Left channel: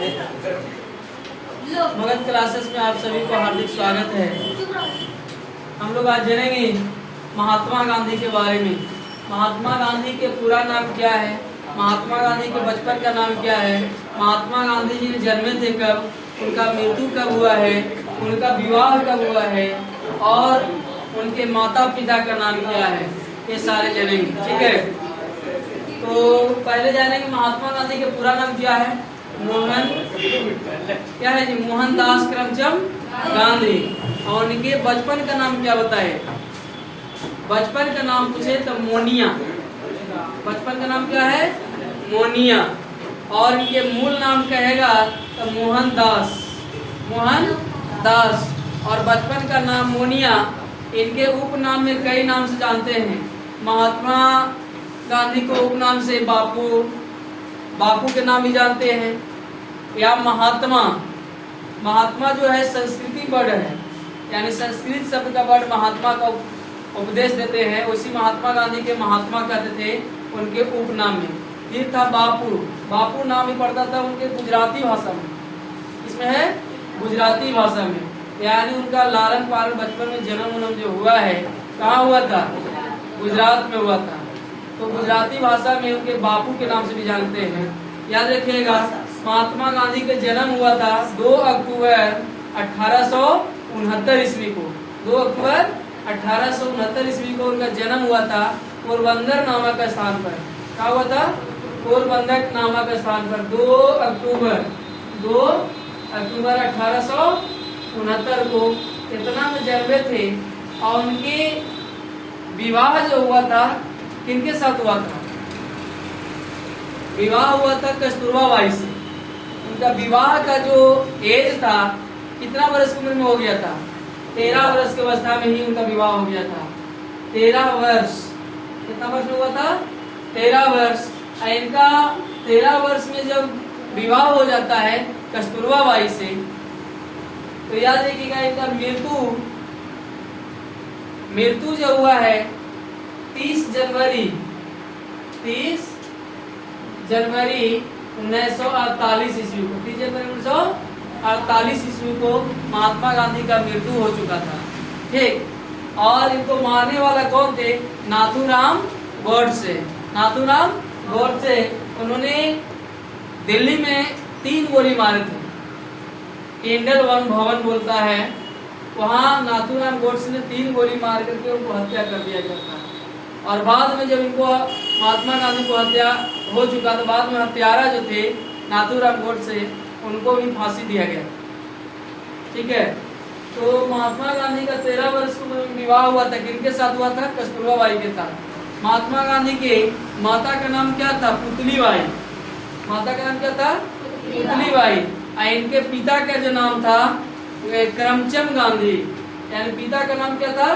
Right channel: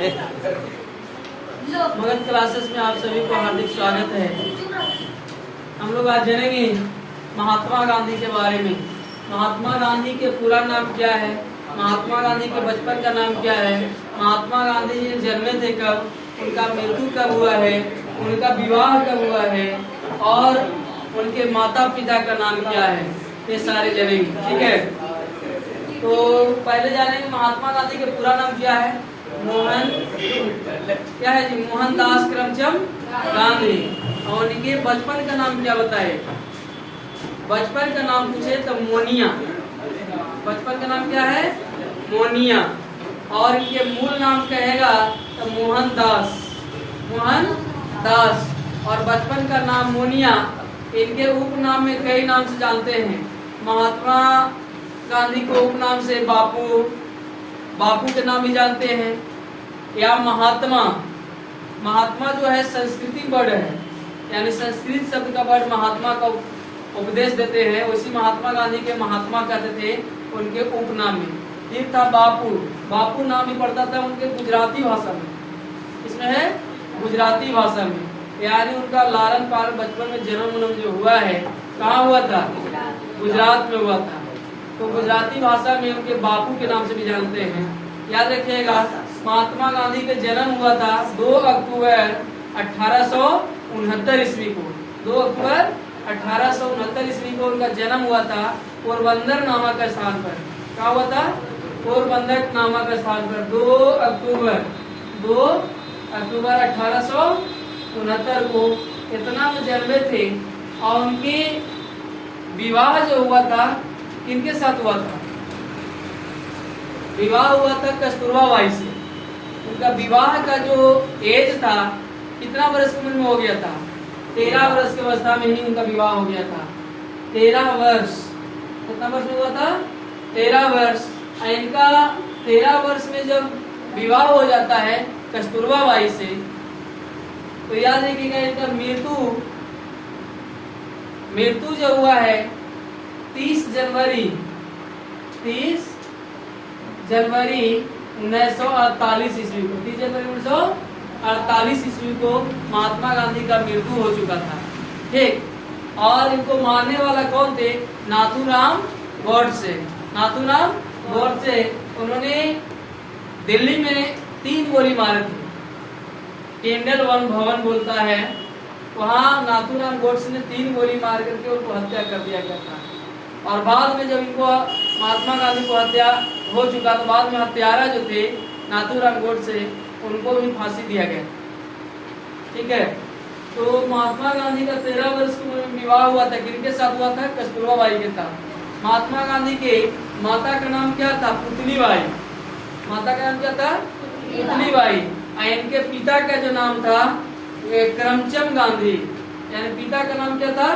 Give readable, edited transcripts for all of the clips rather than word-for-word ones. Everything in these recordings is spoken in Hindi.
मगध क्लासेस में आप सभी को हार्दिक स्वागत है। हम लोग आज जानेंगे महात्मा गांधी के बारे में। महात्मा गांधी के पूरा नाम क्या है, महात्मा गांधी के बचपन का नाम क्या है, महात्मा गांधी जी जन्मे थे कब, उनका मृत्यु कब हुआ है, उनका विवाह कब हुआ है और उनके माता पिता का नाम क्या है, ये सारे जानेंगे। ठीक है, तो पहले जानेंगे महात्मा गांधी के पूरा नाम क्या है। क्या है जी? मोहनदास करमचंद गांधी। और उनके बचपन का नाम क्या बताए? बचपन का नाम पूछे तो मोनिया। बचपन का नाम क्या है? मोनिया। और इनके मूल नाम कहेगा तो मोहनदास। मोहनदास और बचपन का नाम मोनिया। इनके उपनाम में कई नाम से जानते हैं। महात्मा गांधी को उपनाम से बापू, बापू के नाम भी जानते हैं, या महात्मा। महात्मा जो है संस्कृति वर्ड है, यानी संस्कृत शब्द का वर्ड महात्मा का उपदेश देते हैं। उसी महात्मा गांधी के महात्मा कहते थे उनके उपनाम में। ये था बापू। बापू नाम ही पड़ता था उनके गुजराती भाषा में। इसमें है गुजराती भाषा में, यानी उनका लालन पालन बचपन में जन्म जो हुआ है कहाँ हुआ था? गुजरात में हुआ था। तो गुजराती भाषा में उनके बापू के नाम से भी जानते हैं। याद रखिएगा, महात्मा गांधी का जन्म हुआ था 2 अक्टूबर 1869 ईस्वी को। 2 अक्टूबर 1869 ईस्वी को उनका जन्म हुआ था पोरबंदर नामक स्थान पर। क्या हुआ था? पोरबंदर नामक स्थान पर 2 अक्टूबर 1869 को इतना में जन्मे थे। और उनके विवाह जो हुआ था किनके साथ हुआ था? विवाह हुआ था कस्तूरबा बाई से। उनका विवाह का जो एज था, कितना वर्ष की उम्र में हो गया था? 13 वर्ष की अवस्था में ही उनका विवाह हो गया था। 13 वर्ष। कितना वर्ष में हुआ था? 13 वर्ष। इनका 13 वर्ष में जब विवाह हो जाता है कस्तूरबा बाई से, तो याद रखिएगा इनका मृत्यु जो हुआ है 30 जनवरी 1948 ईस्वी को। 30 जनवरी 1948 ईस्वी को महात्मा गांधी का मृत्यु हो चुका था। ठीक। और इनको मारने वाला कौन थे? नाथूराम गोडसे। नाथूराम गोडसे। उन्होंने दिल्ली में 3 गोली मारे थे। इंडल वन भवन बोलता है, वहाँ नाथूराम गोडसे ने 3 गोली मार करके उनको हत्या कर दिया गया था। और बाद में जब इनको महात्मा गांधी को हत्या हो चुका तो बाद में हत्यारा जो थे नाथूराम गोडसे, उनको भी फांसी दिया गया। ठीक है, तो महात्मा गांधी का 13 वर्ष में विवाह हुआ था। किनके साथ हुआ था? कस्तूरबा बाई के साथ। महात्मा गांधी के माता का नाम क्या था? पुतली बाई। माता का नाम क्या था? पुतली बाई। इनके पिता का जो नाम था करमचंद गांधी, यानी पिता का नाम क्या था?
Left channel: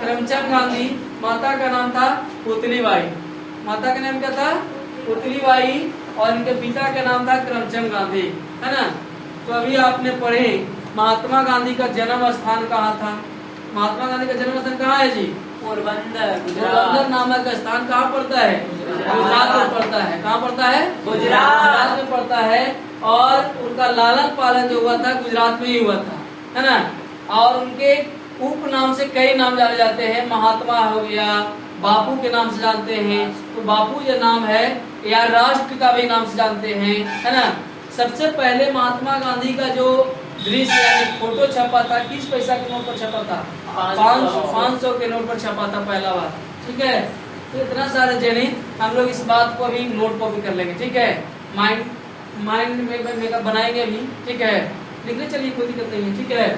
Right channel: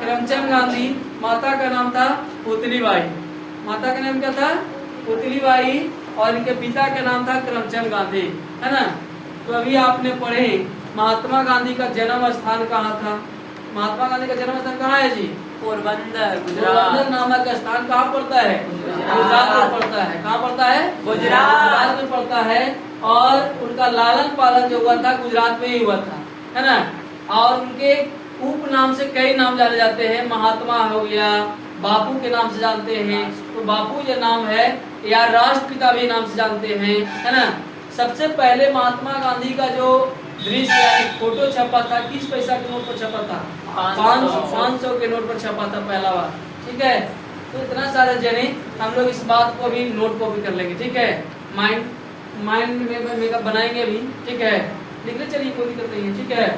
करमचंद गांधी। माता का नाम था पुतली बाई। माता का नाम क्या था? पुतली बाई। और इनके पिता का नाम था करमचंद गांधी, है ना। तो अभी आपने पढ़े महात्मा गांधी का जन्म स्थान कहाँ था? महात्मा गांधी का जन्म स्थान कहाँ है जी? पोरबंदर नामक स्थान कहाँ पड़ता है? गुजरात में पड़ता है। कहाँ पड़ता है? गुजरात में पड़ता है। और उनका लालन पालन जो हुआ था गुजरात में ही हुआ था, है ना। और उनके उप नाम से कई नाम जाने जाते हैं। महात्मा हो गया, बापू के नाम से जानते हैं, तो बापू जो नाम है, या राष्ट्रपिता भी नाम से जानते हैं, है ना। सबसे पहले महात्मा गांधी का जो दृश्य यानी फोटो छपा था, किस पैसा के नोट पर छपा था? 500 के नोट पर छपा था पहला बार। ठीक है, तो इतना सारे जने हम लोग इस बात को अभी नोट कॉपी कर लेंगे। ठीक है, माइंड में बनाएंगे अभी। ठीक है, लिखने चलिए, कोई दिक्कत नहीं है। ठीक है,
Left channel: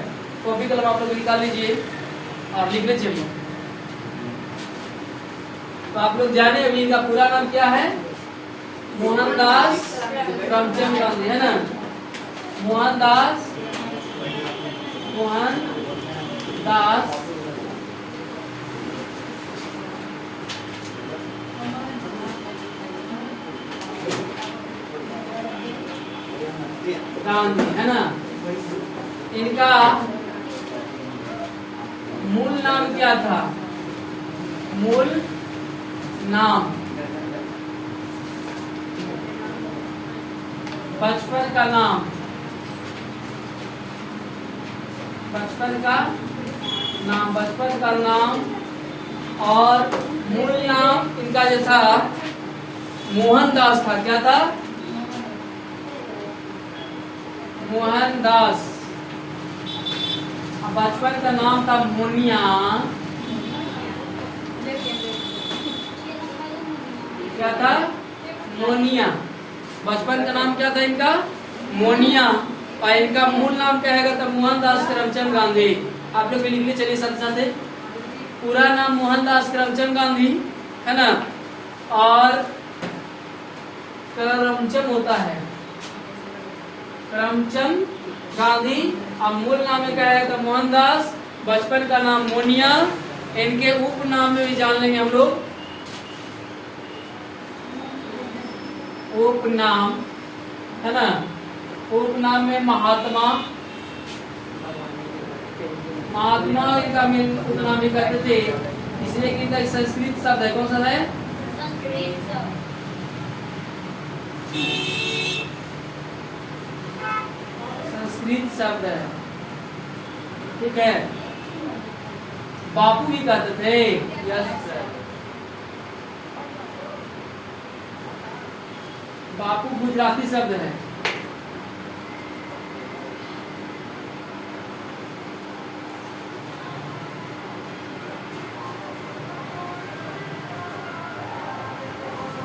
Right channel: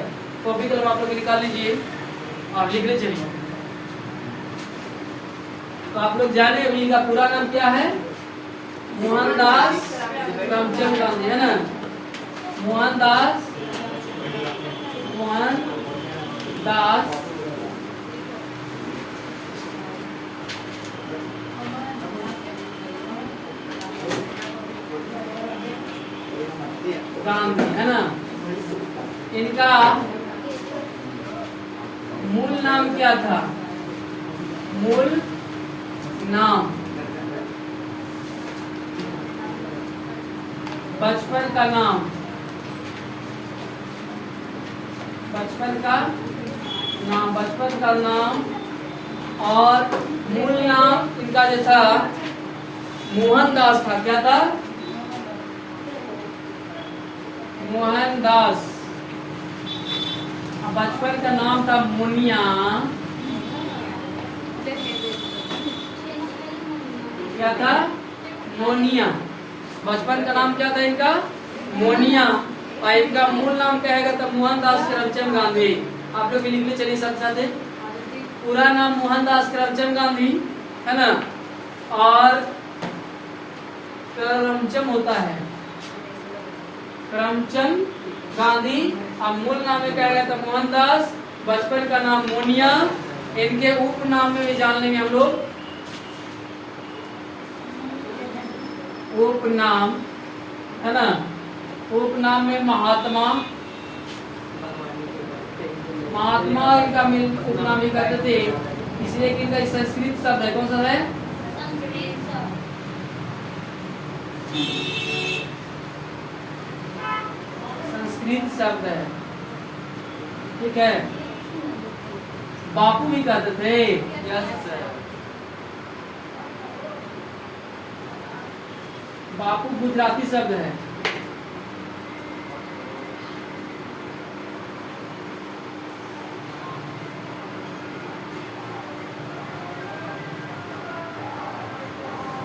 कॉपी कलम आप लोग निकाल लीजिए और लिखने चलिए। तो आप लोग जाने अभी इनका पूरा नाम क्या है? मोहनदास करमचंद गांधी, है ना। मोहनदास गांधी, है ना। इनका मूल नाम क्या था? मूल नाम बचपन का नाम, बचपन का नाम, बचपन का नाम और मूल नाम इनका जो था मोहनदास था। क्या था? मोहनदास। बचपन का नाम था मोनिया। क्या था? मोनिया। बचपन का नाम क्या था इनका? मोनिया। और इनका मूल नाम क्या है? तो मोहनदास करमचंद गांधी। आप लोग लिख लीजिए, चलिए साथ साथ। पूरा नाम मोहनदास करमचंद गांधी है ना, और करमचंद होता है करमचंद गांधी। अब मूल नाम में क्या है? तो मोहनदास। बचपन का नाम मोनिया। इनके उपनाम में भी जान लेंगे हम लोग। उपनाम है ना, उपनाम में महात्मा। महात्मा इनका उपनाम भी करते थे, इसलिए कि इनका संस्कृत शब्द है। कौन सा है? संस्कृत शब्द है, ठीक है। बापू भी कहते थे। बापू गुजराती शब्द है।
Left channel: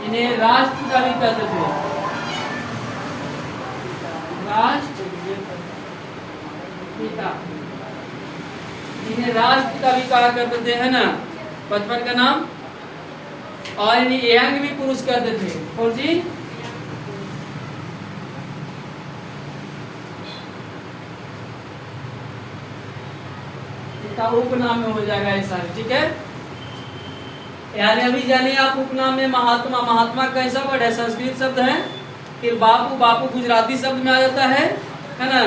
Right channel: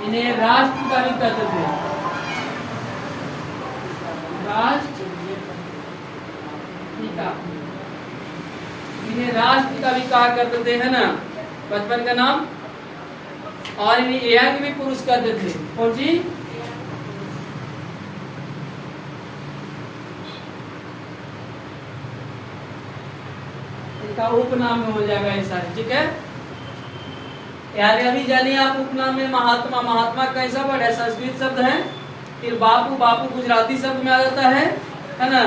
इन्हें राष्ट्रपिता भी कहते थे। राष्ट्रपिता, इन्हें राष्ट्रपिता भी कहा करते थे, है ना, बचपन का नाम। और इन्हें यंग भी पुरुष कहते थे। कौन जी? इनका उपनाम में हो जाएगा ये सारे, ठीक है। यानी अभी जानिए आप उपनाम में महात्मा। महात्मा कैसा वर्ड है? संस्कृत शब्द है। फिर बापू, बापू गुजराती शब्द में आ जाता है ना।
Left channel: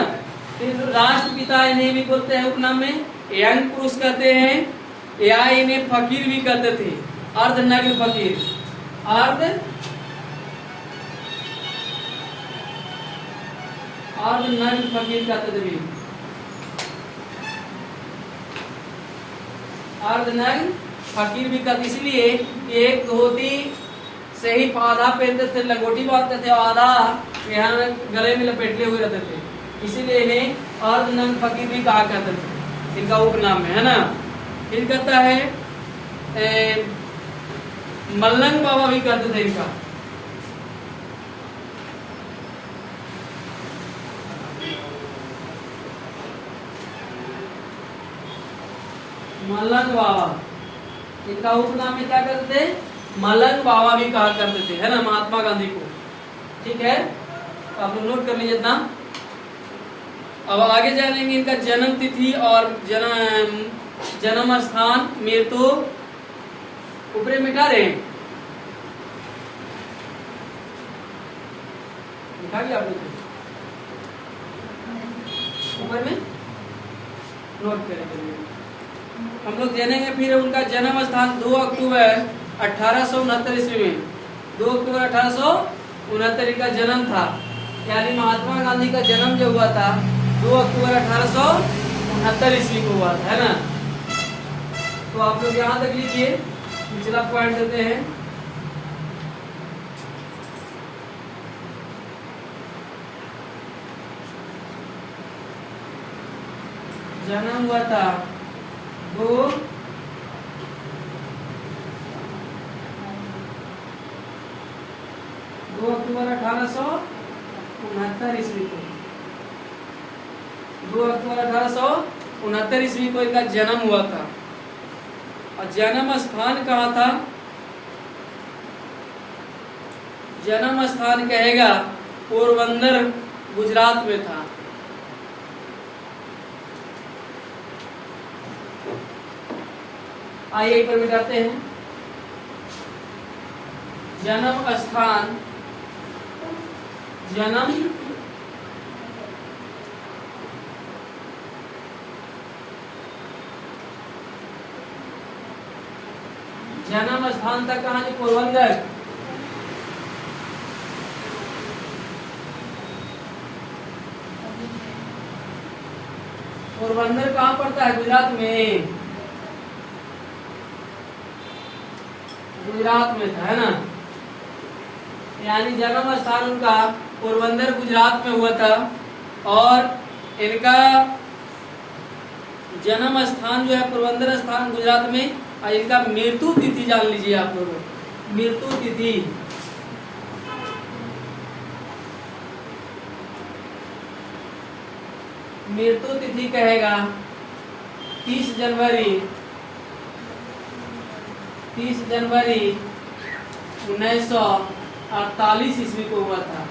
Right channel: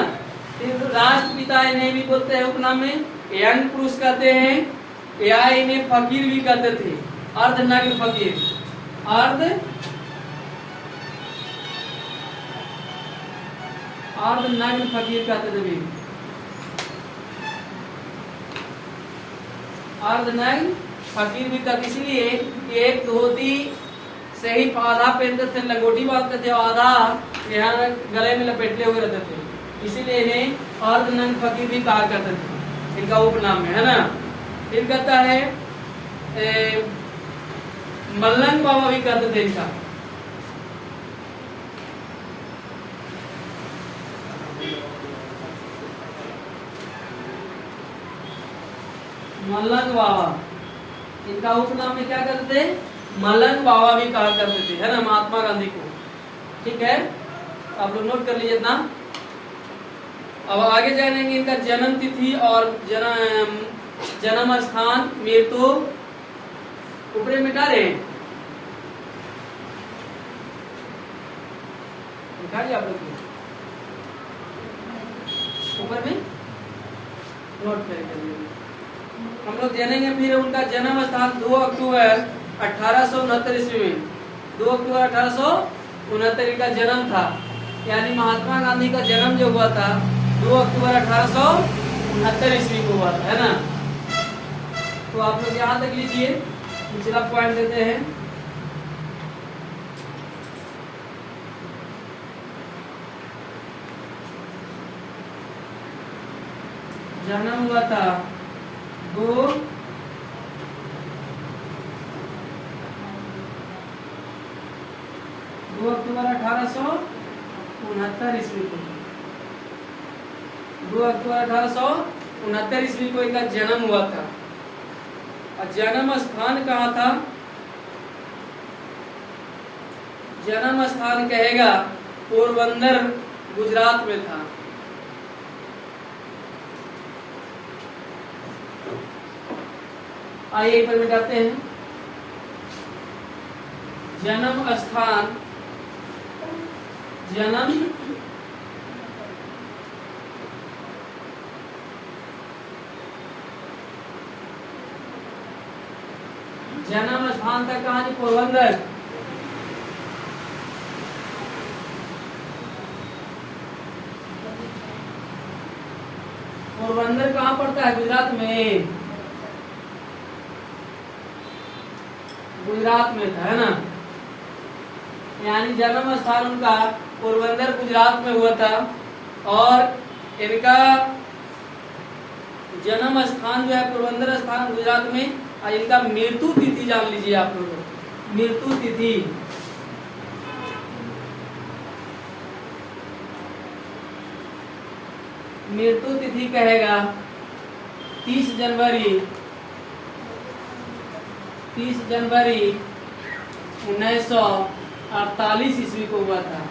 फिर राष्ट्रपिता इन्हें भी बोलते हैं उपनाम में। यंग पुरुष कहते हैं, या इन्हें फकीर भी कहते थे। अर्धनग्न फकीर, अर्धनग्न फकीर कहते थे। अर्धनग्न फकीर भी कहते, इसलिए एक धोती से ही आधा पहनते थे, लंगोटी बांधते थे, आधा यहाँ गले में लपेटे हुए रहते थे, इसीलिए इन्हें अर्धनग्न फकीर भी कहा करते थे, इनका उपनाम में, है ना। फिर कहता है मल्लंग बाबा भी कहते थे इनका। मल्लंग बाबा, इनका उपनाम में क्या करते थे? मल्लंग बाबा भी कहा करते थे, है ना, महात्मा गांधी को, ठीक है। आप लोग नोट कर लीजिए इतना। अब आगे जानेंगे इनका जन्म तिथि और जन्म स्थान, मृत्यु। ऊपर में क्या रहे लिखा गया आप लोग ऊपर में, नोट करेंगे हम लोग। जानेंगे फिर उनका जन्म स्थान 2 अक्टूबर 1869 ईस्वी में। 2 अक्टूबर 1869 का जन्म था, यानी महात्मा गांधी का जन्म जो हुआ था 2 अक्टूबर 1869 ईस्वी को हुआ था, है ना। तो आप लोग यहाँ तक लिखिए, पिछला पॉइंट देते हैं। जन्म हुआ था 2 अक्टूबर 1869 ईस्वी को। 2 अक्टूबर 1869 ईस्वी को इनका जन्म हुआ था। और जन्म स्थान कहाँ था? जन्म स्थान कहेगा पोरबंदर, गुजरात में था। आइए एक पर मिटाते हैं। जन्म स्थान, जन्म स्थान था कहाँ? जो पोरबंदर। पोरबंदर कहाँ पड़ता है? गुजरात में। गुजरात में था, है ना। यानी जन्म स्थान उनका पोरबंदर गुजरात में हुआ था और इनका जन्म स्थान जो है पोरबंदर स्थान गुजरात में, और इनका मृत्यु तिथि जान लीजिए आप लोग। मृत्यु तिथि मृत्यु तिथि कहेगा 30 जनवरी 1948 ईस्वी को हुआ था।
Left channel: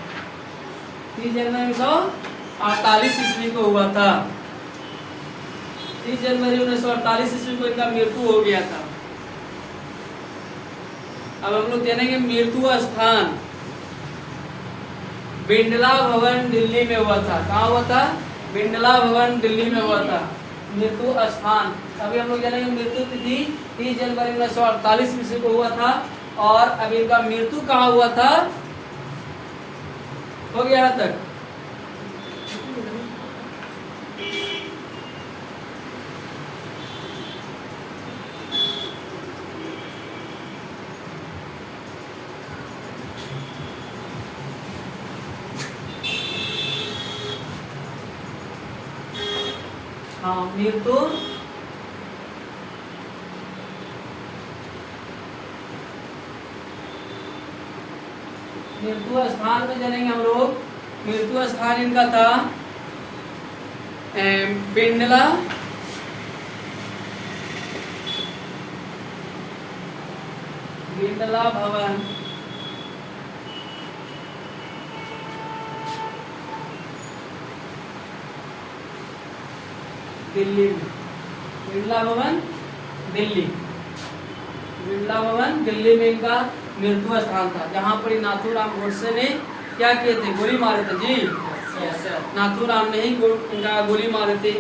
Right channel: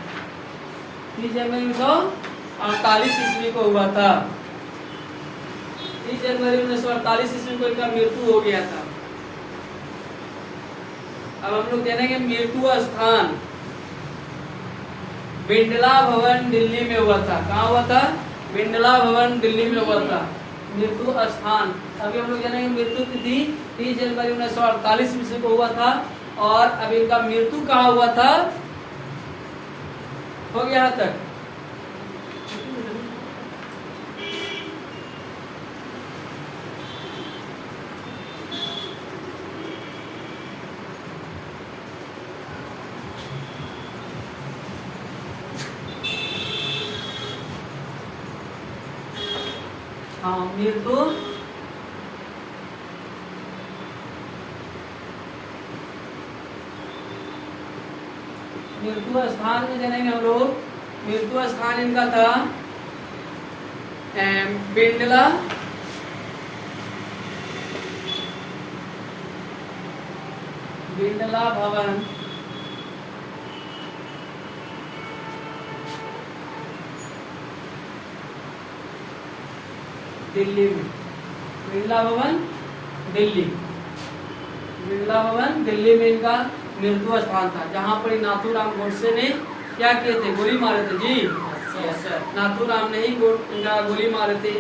30 जनवरी 1948 ईस्वी को हुआ था। 30 जनवरी 1948 ईस्वी को इनका मृत्यु हो गया था। अब हम लोग जानेंगे मृत्यु स्थान। बिरला भवन दिल्ली में हुआ था। कहाँ हुआ था? बिरला भवन दिल्ली में हुआ था मृत्यु स्थान। अभी हम लोग जानेंगे मृत्यु तिथि 30 जनवरी 1948 ईस्वी को हुआ था, और अभी इनका मृत्यु कहाँ हुआ था? हो गया यहाँ तक? हाँ, मृत्यु स्थान में जानेंगे हम लोग। मृत्यु स्थान इनका था बिरला भवन दिल्ली में। बिरला भवन दिल्ली में इनका मृत्यु स्थान था, जहाँ पर नाथूराम गोडसे ने क्या किए थे? गोली मारे थे जी। नाथूराम ने ही इनका गोली मारे थे।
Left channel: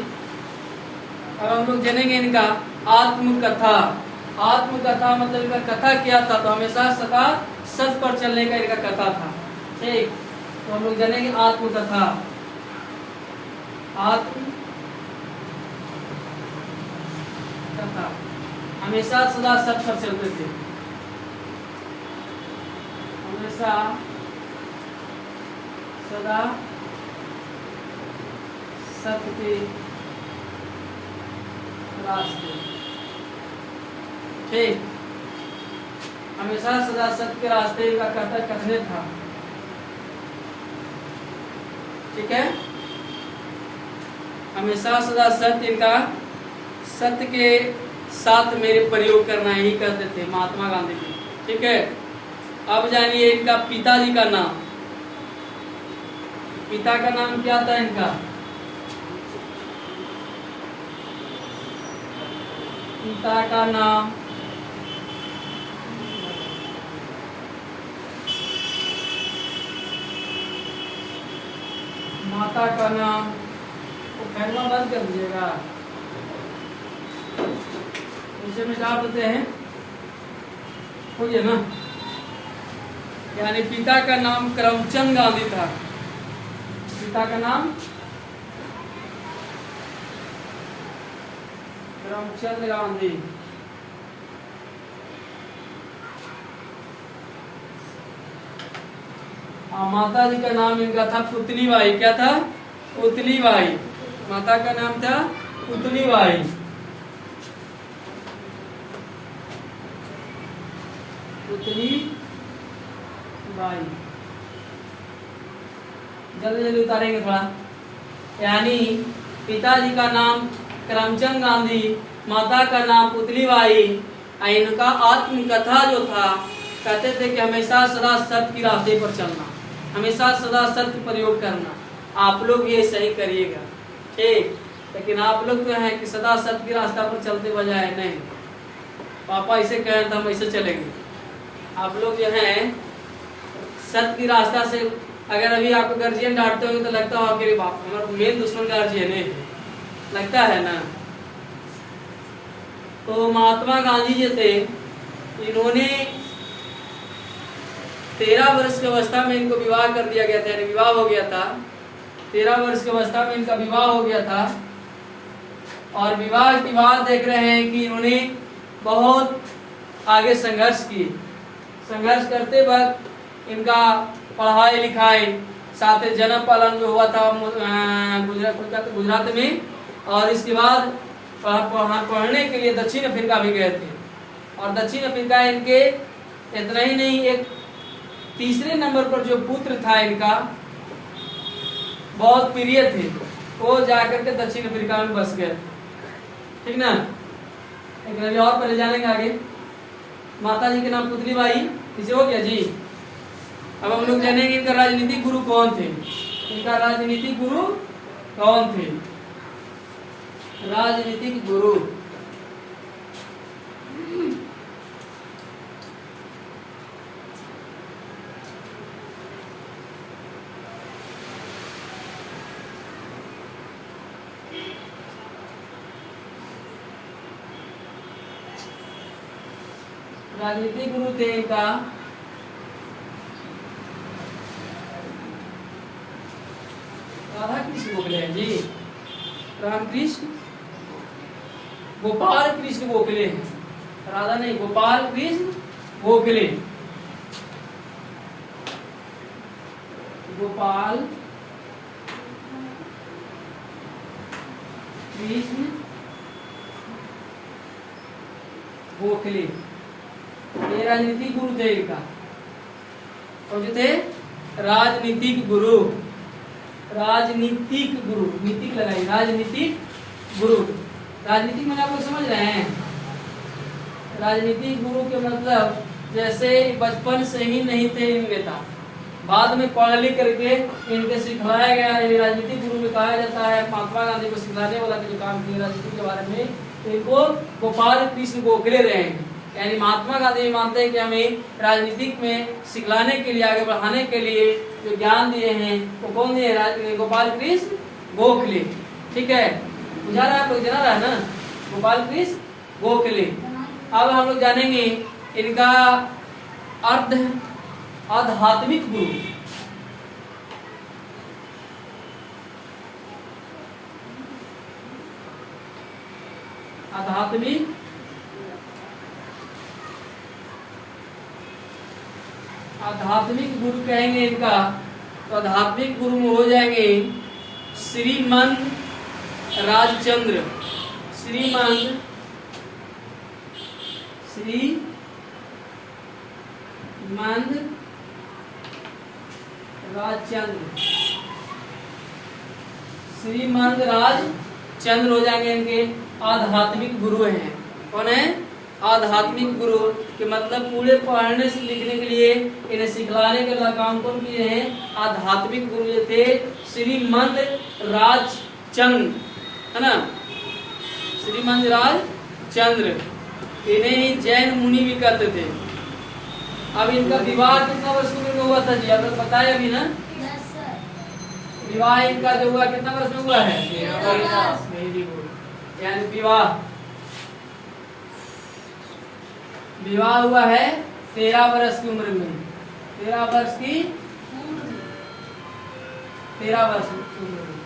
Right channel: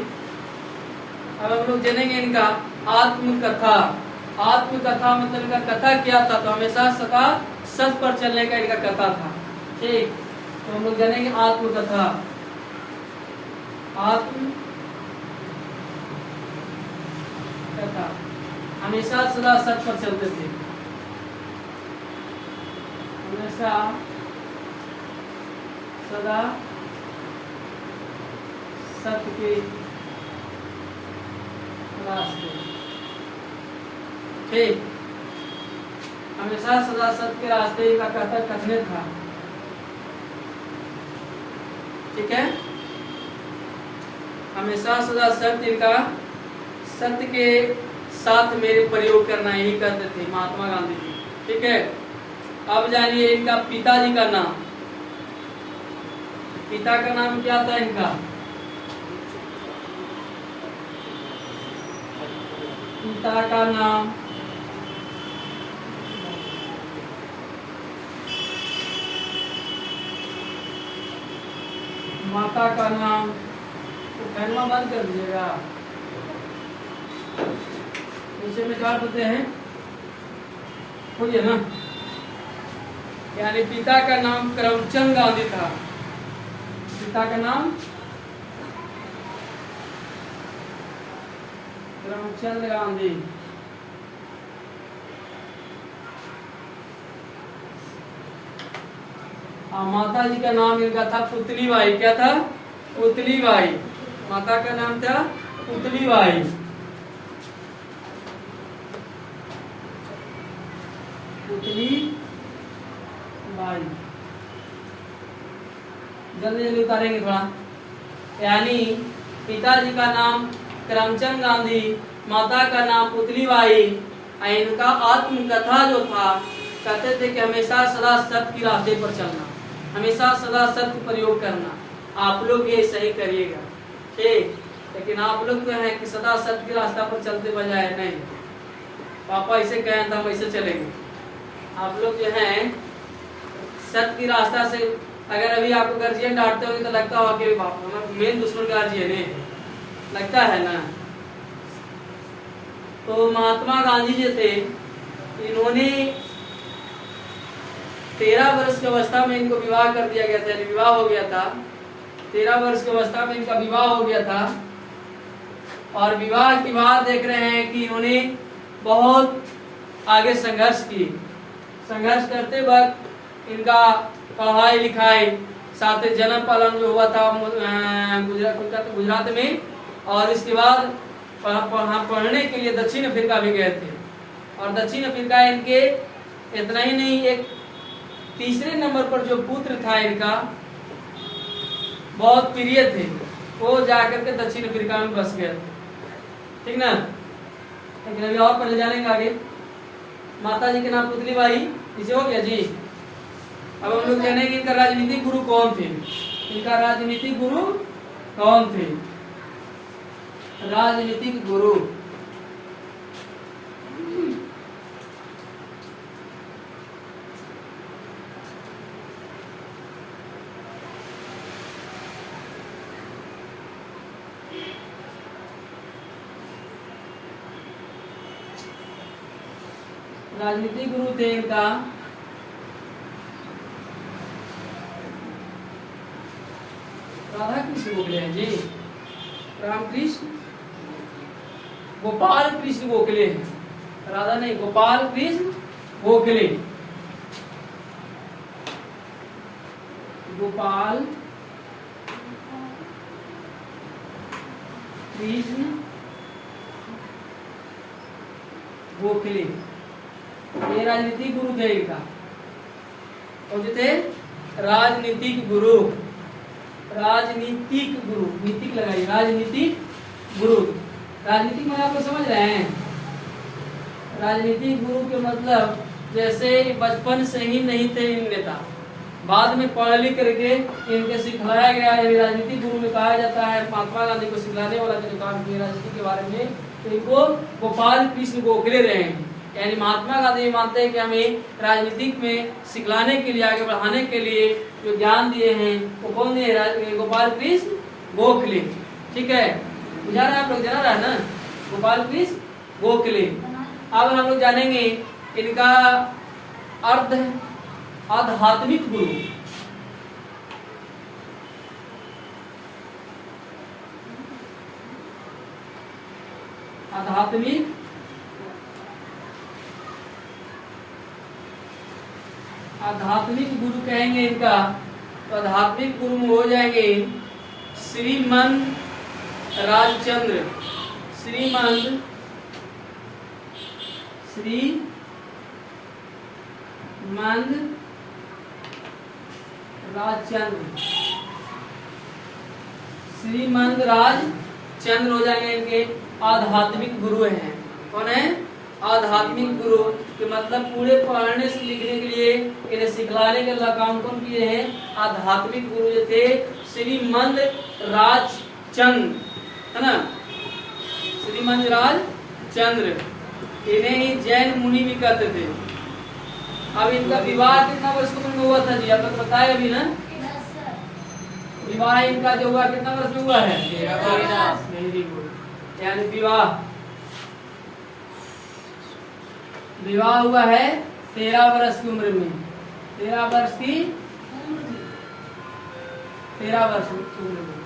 और हम लोग जानेंगे इनका आत्मकथा। आत्मकथा मतलब इनका कथा क्या था? तो हमेशा सदा सच पर चलने का इनका कथा था। ठीक, तो हम लोग जानेंगे आत्मकथा। कथा हमेशा सदा सच पर चलते थे। हमेशा सदा सत्य के रास्ते। ठीक, हमेशा सदा सत्य के रास्ते का कथन था। ठीक है, हमेशा सदा सत्य के साथ मेरे प्रयोग करना ही कहते थे महात्मा गांधी जी। ठीक है, अब जानिए इनका पिताजी का नाम। पिता का नाम क्या था इनका? पिता का नाम माता का नाम तो पहला बंद कर दीजिएगा। नीचे में क्या बोलते हैं? ना, यानी पिता का नाम करमचंद गांधी था। पिता का नाम करमचंद गांधी। माता जी का नाम इनका था पुतली बाई। क्या था? पुतली बाई। माता का नाम था पुतली बाई। पुतली बाई। जल्दी जल्दी उतारेंगे थोड़ा। यानी पिताजी का नाम करमचंद गांधी, माता का नाम पुतली बाई। इनका आत्मकथा जो था, कहते थे कि हमेशा सदा सत्य की रास्ते पर चलना, हमेशा सदा सत्य प्रयोग करना। आप लोग ये सही करिएगा। ठीक, लेकिन आप लोग तो हैं कि सदा सत्य की रास्ता पर चलते बजाय नहीं, पापा ऐसे कहे तो हम ऐसे चलेंगे। आप लोग जो हैं सत्य की रास्ता से, अगर अभी आपको गार्जियन डांटते होंगे तो लगता होगा कि बाप हमारा मेन दुश्मन गार्जियन है, लगता है ना। तो महात्मा गांधी जी थे, इन्होंने 13 वर्ष की अवस्था में इनको विवाह कर दिया गया था, यानी विवाह हो गया था। 13 वर्ष की अवस्था में इनका विवाह हो गया था। और विवाह के बाद देख रहे हैं कि उन्हें बहुत आगे संघर्ष किए। संघर्ष करते वक्त इनका पढ़ाई लिखाई साथ ही जन्म पालन जो हुआ था गुजरात में, और इसके बाद पढ़ने के लिए दक्षिण अफ्रीका भी गए थे। और दक्षिण अफ्रीका इनके इतना ही नहीं, एक तीसरे नंबर पर जो पुत्र था इनका बहुत प्रिय थे, वो जाकर के दक्षिण अफ्रीका में बस गए थे। ठीक ना, एक और पढ़े जानेंगे आगे। माता जी के नाम पुतली बाई, इसे हो गया जी। अब हम लोग जानेंगे इनका राजनीतिक गुरु कौन थे। इनका राजनीतिक गुरु कौन थे? राजनीतिक गुरु राजनीतिक गुरु थे इनका राधा कृष्ण गोखले हैं जी। रामकृष्ण गोपाल कृष्ण गोखले हैं, राधा नहीं, गोपाल कृष्ण गोखले। गोपाल कृष्ण गोखले ये राजनीतिक गुरु थे इनका। और जो थे राजनीतिक गुरु, राजनीतिक गुरु, नीतिक लगाई, राजनीतिक गुरु। राजनीतिक में आप लोग समझ रहे हैं? राजनीतिक गुरु के मतलब जैसे बचपन से ही नहीं थे इन नेता, बाद में पढ़ लिख करके इनके सिखाया गया है। राजनीतिक गुरु में कहा जाता है महात्मा गांधी को सिखाने वाला जो काम किया राजनीति के बारे में, तो इनको गोपाल कृष्ण गोखले रहे हैं। यानी महात्मा गांधी मानते हैं कि हमें राजनीतिक में सिखलाने के लिए, आगे बढ़ाने के लिए जो ज्ञान दिए हैं वो कौन दिए? गोपाल कृष्ण गोखले। ठीक है, बुझा रहा है आपको? जाना रहा है ना, गोपाल कृष्ण गोखले। अब हम लोग जानेंगे इनका आध्यात्मिक गुरु। आध्यात्मिक गुरु कहेंगे इनका, तो आध्यात्मिक गुरु में हो जाएंगे श्रीमंत राजचंद्र। श्रीमंत राजचंद्र, श्रीमंत राजचंद्र हो जाएंगे इनके आध्यात्मिक गुरु हैं। कौन है? आध्यात्मिक गुरु के मतलब पूरे पढ़ने से लिखने के लिए इन्हें सिखलाने का काम कौन किए हैं? आध्यात्मिक गुरु जो थे श्रीमंत राजचंद्र, है ना, श्रीमंत राजचंद्र। इन्हें जैन मुनि भी कहते थे। अब इनका विवाह कितना वर्ष में हुआ था जी? आपने बताया अभी ना, विवाह इनका जो हुआ कितना वर्ष में हुआ है? यानी विवाह हुआ है 13 वर्ष की उम्र में। 13 वर्ष की 13 वर्ष की उम्र में।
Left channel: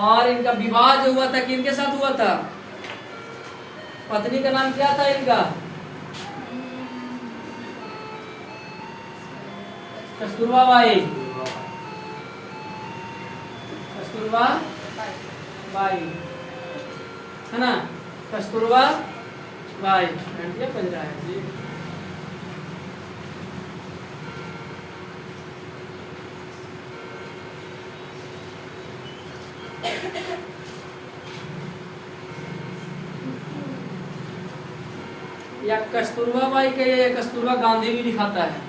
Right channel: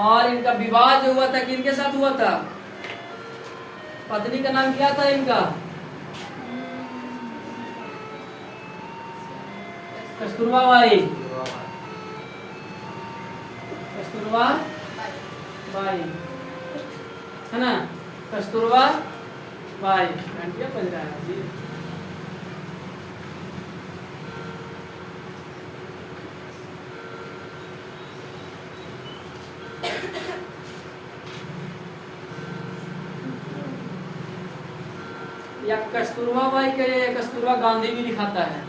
और इनका विवाह जो हुआ था किनके साथ हुआ था? पत्नी का नाम क्या था इनका? कस्तूरबा बाई। कस्तूरबा बाई, है ना, कस्तूरबा बाई। बन रहा है जी। या कस्तूरबा बाई के या कस्तूरबा गांधी भी लिखाता है।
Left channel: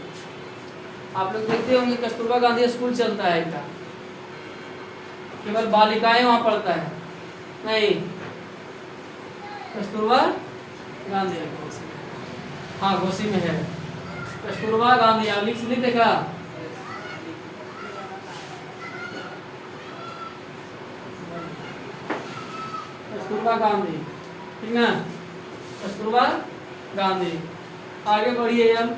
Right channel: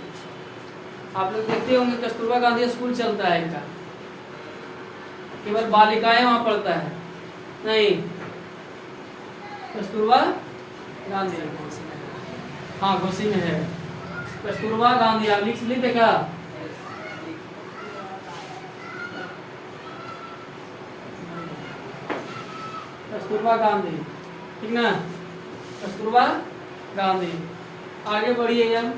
आप लोग देखते होंगे कस्तूरबा गांधी स्कूल चलता है इनका, केवल बालिकाएं वहां पढ़ता है, नहीं, कस्तूरबा गांधी। हाँ, घोसी में है कस्तूरबा गांधी। आप लिख देखा? कस्तूरबा गांधी, ठीक ना, कस्तूरबा गांधी। आगे बढ़िए हम।